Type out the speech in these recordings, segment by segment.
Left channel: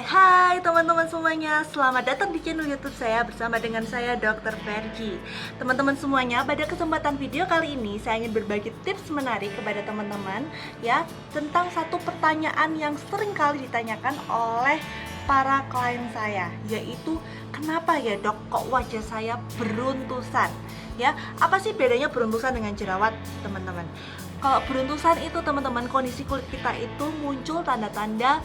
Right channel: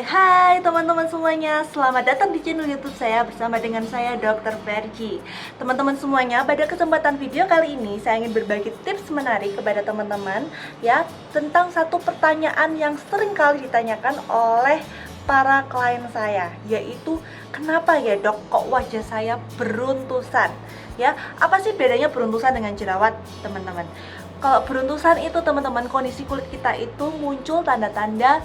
Hai teman-teman semuanya, selamat datang di channel YouTube saya bersama dengan saya Dr. Vergi. Teman-teman semuanya, pada kesempatan video kali ini saya ingin berbagi tips menarik kepada teman-teman ya tentang satu pertanyaan yang sering kali ditanyakan oleh para klien saya, yaitu kenapa ya dok kok wajah saya beruntusan? Ya, apa sih bedanya beruntusan dengan jerawat, teman-teman? Kalau beruntusan itu teman-teman, kondisi kulit kita itu muncul tanda-tanda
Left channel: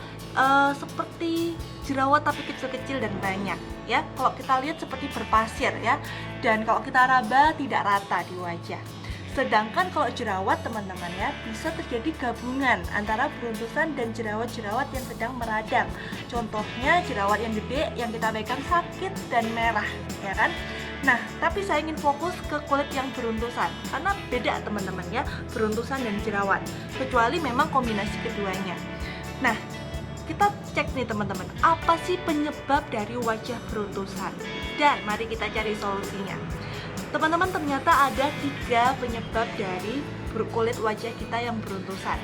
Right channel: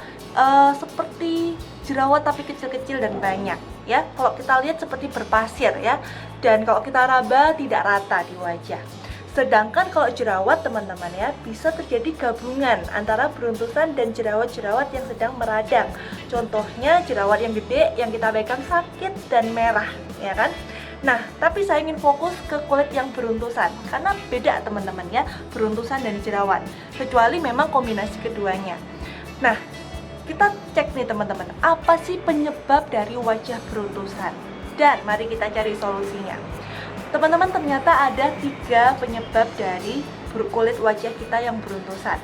seperti jerawat tapi kecil-kecil dan banyak ya. Kalau kita lihat seperti berpasir ya, dan kalau kita raba tidak rata di wajah. Sedangkan kalau jerawat teman-teman ya, bisa terjadi gabungan antara beruntusan dan jerawat-jerawat yang sedang meradang. Contohnya jerawat yang gede yang kita pegang sakit dan merah ya kan. Nah, tapi saya ingin fokus ke kulit yang beruntusan karena beda teman-teman ya, beruntusan dan jerawat. Kecuali memang kombinasi keduanya. Nah, kita cek nih teman-teman, apa sih penyebab dari wajah beruntusan? Dan mari kita cari solusinya. Teman-teman, ternyata ada 3 penyebab dari kulit wajah kita yang beruntusan.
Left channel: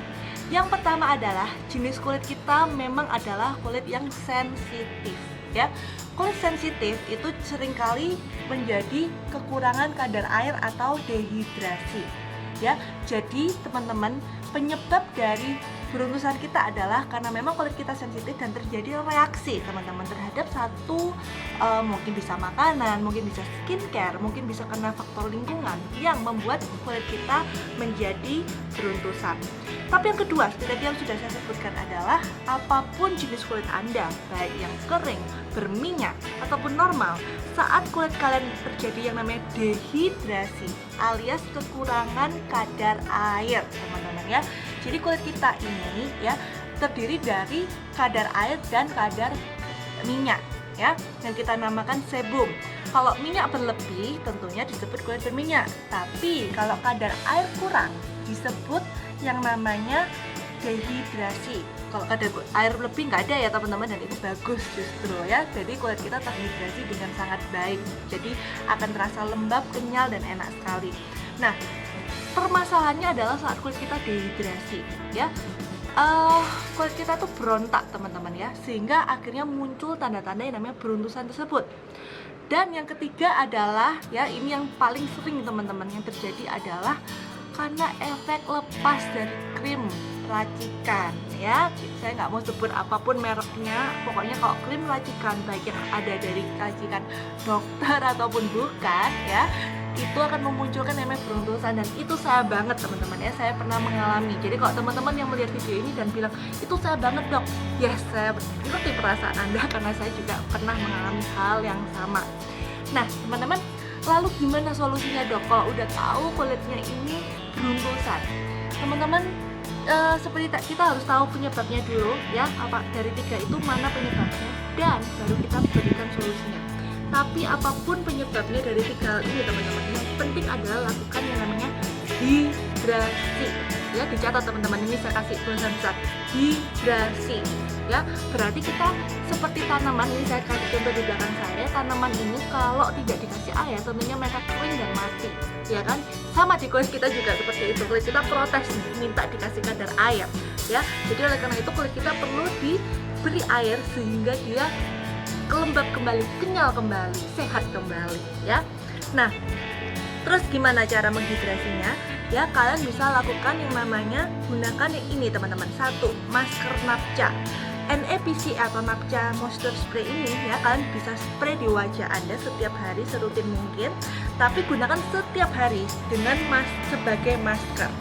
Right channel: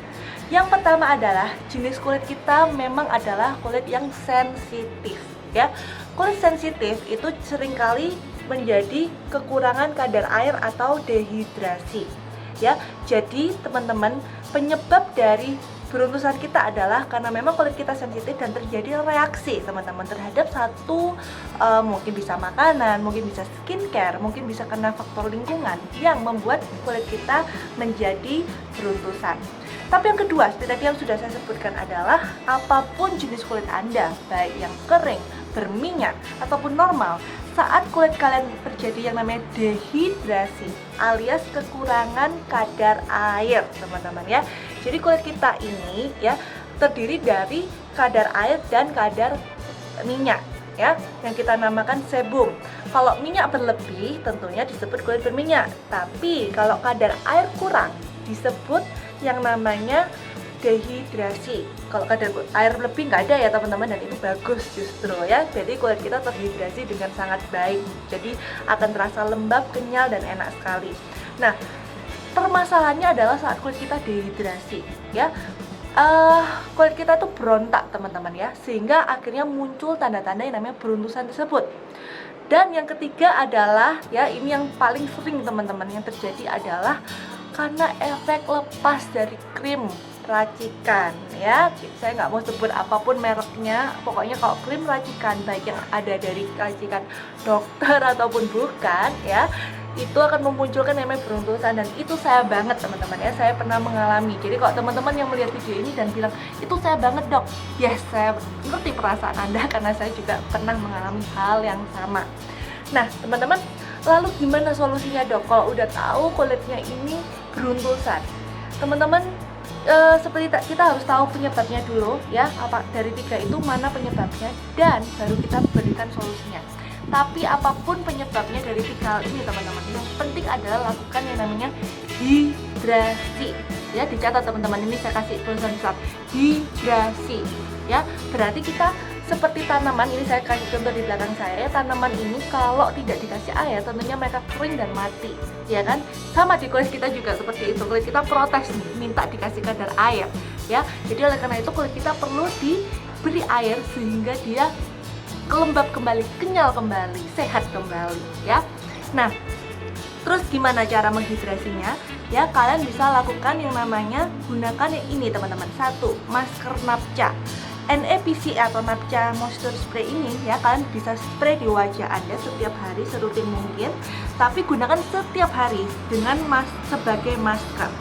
Yang pertama adalah jenis kulit kita memang adalah kulit yang sensitif ya. Kulit sensitif itu seringkali menjadi kekurangan kadar air atau dehidrasi ya. Jadi teman-teman, penyebab dari beruntusan kita adalah karena memang kulit kita sensitif dan terjadi reaksi teman-teman terhadap satu mungkin bisa makanan, mungkin bisa skincare, mungkin bisa karena faktor lingkungan yang membuat kulit kita menjadi beruntusan. Tapi yang kedua, seperti tadi yang sudah saya sebutkan adalah apapun jenis kulit Anda, baik yang kering, berminyak, ataupun normal, saat kulit kalian terjadi yang namanya dehidrasi alias kekurangan kadar air teman-teman ya. Jadi kulit kita ini ya terdiri dari kadar air dan kadar minyak ya, yang kita namakan sebum. Kalau minyak berlebih tentunya disebut kulit berminyak, tapi kalau kadar air kurang disebut yang namanya dehidrasi. Kalau kadar air lebih nggak ada ya teman-teman, dan itu bagus justru ya. Jadi kulit kita terhidrasi dengan sangat baik, jadi akan terasa lembab, kenyal, dan enak sekali. Nah, permasalahannya adalah saat kulit kita dehidrasi ya, kulit kita tuh berontak teman-teman ya, sehingga akhirnya muncul tanda-tanda yang namanya beruntusan tersebut. Dan yang ketiga adalah ya, ini yang paling sering teman-teman yang terjadi adalah karena efek lepas dari krim racikan ya. Saya nggak mau sebut apapun mereknya, pokoknya kalau krim racikan baik yang ada dari racikan dokter ataupun bukan ya, itu akan memunculkan namanya beruntusan. Dan itu saya banget teman-teman ya, saya pernah mengalami. Jadi kalau teman-teman yang melihat video ini dan bilang itu saya banget dok, yes, saya ngerti perasaan Anda karena saya juga pernah mengalami hal yang sama. Nah teman-teman, lalu gimana solusinya dok kalau udah tahu kulitnya ini beruntusan? Teman-teman, seperti kita harus tahu penyebabnya dulu ya, apa dari 3 itu mana penyebabnya, dan baru kita berikan solusinya. Tapi apapun penyebabnya dari 3 hal ini teman-teman, yang penting adalah lakukan yang namanya hidrasi ya. Dicatat teman-teman, ini saya kasih tulisan besar, hidrasi ya. Berarti kita seperti tanaman, ini saya kasih contoh di belakang saya. Tanaman ini kalau tidak dikasih air tentunya mereka kering dan mati ya kan. Sama di kulit kita juga seperti itu, kulit kita protes minta dikasih kadar air ya. Jadi oleh karena itu kulit kita perlu diberi air sehingga dia lembab kembali, kenyal kembali, sehat kembali ya. Nah, terus gimana cara menghidrasinya? Ya, kalian bisa lakukan yang namanya gunakan yang ini teman-teman. 1, masker napca. NEPC atau napca moisture spray ini ya, kalian bisa spray di wajah Anda setiap hari serutin mungkin, tapi gunakan setiap hari dengan sebagai masker.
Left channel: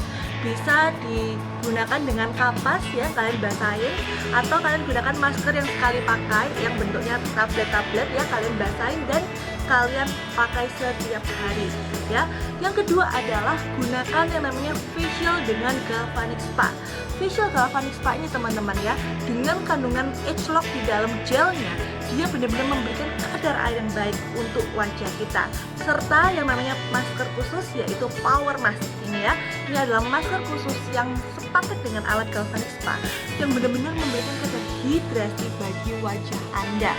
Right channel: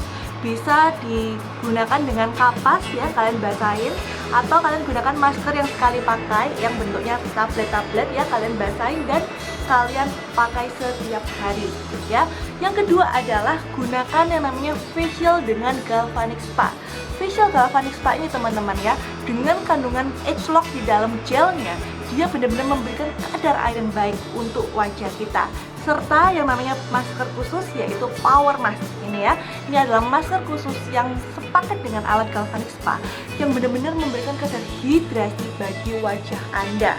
Bisa digunakan dengan kapas ya, kalian basahin, atau kalian gunakan masker yang sekali pakai yang bentuknya tablet-tablet ya, kalian basahin dan kalian pakai setiap hari ya. Yang kedua adalah gunakan yang namanya facial dengan galvanic spa. Facial galvanic spa ini teman-teman ya, dengan kandungan ageLOC di dalam gelnya, dia benar-benar memberikan kadar air yang baik untuk wajah kita. Serta yang namanya masker khusus yaitu power mask ini ya. Ini adalah masker khusus yang sepaket dengan alat galvanic spa yang benar-benar memberikan kadar hidrasi bagi wajah Anda.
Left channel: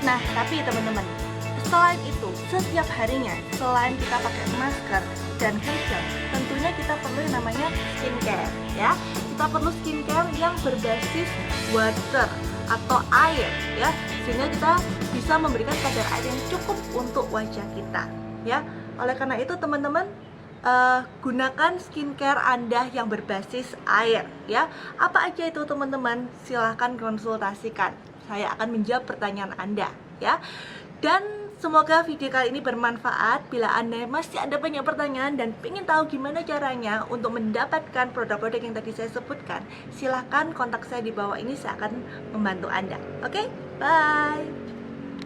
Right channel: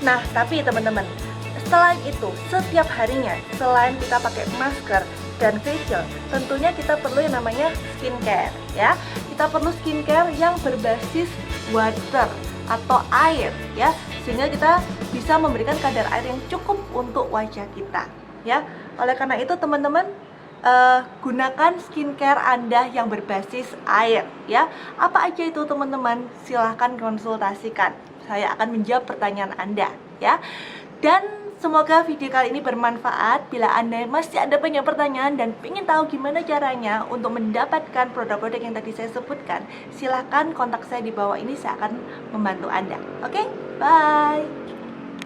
Nah, tapi teman-teman, selain itu, setiap harinya selain kita pakai masker dan facial, tentunya kita perlu yang namanya skincare ya. Kita perlu skincare yang berbasis water atau air ya, sehingga kita bisa memberikan kadar air yang cukup untuk wajah kita ya. Oleh karena itu teman-teman, gunakan skincare Anda yang berbasis air ya. Apa aja itu teman-teman? Silahkan konsultasikan, saya akan menjawab pertanyaan Anda ya. Dan semoga video kali ini bermanfaat. Bila Anda masih ada banyak pertanyaan dan ingin tahu gimana caranya untuk mendapatkan produk-produk yang tadi saya sebutkan, silahkan kontak saya di bawah ini, saya akan membantu Anda. Oke, bye.